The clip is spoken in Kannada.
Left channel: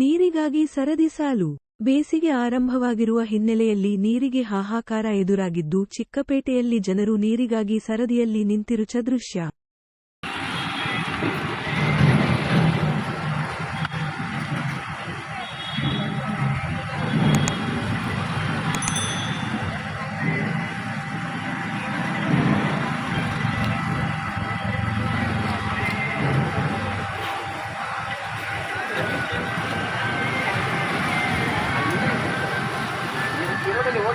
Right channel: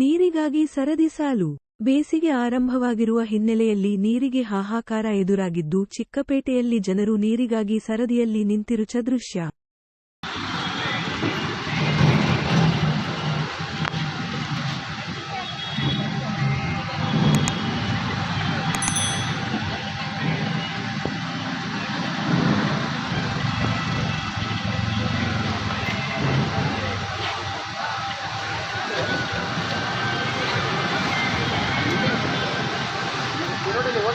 ನೀರಿಗಾಗಿ ಸರದಿ ಸಾಲು ಬೇಸಿಗೆ ಆರಂಭವಾಗಿರುವ ಹಿನ್ನೆಲೆಯಲ್ಲಿ ನೀರಿಗೆ ಹಾಹಾಕಾರ ಎದುರಾಗಿದ್ದು ಚಿಕ್ಕಪೇಟೆಯಲ್ಲಿ ಜನರು ನೀರಿಗಾಗಿ ಸರದಿಯಲ್ಲಿ ನಿಂತಿರುಚ ದೃಶ್ಯ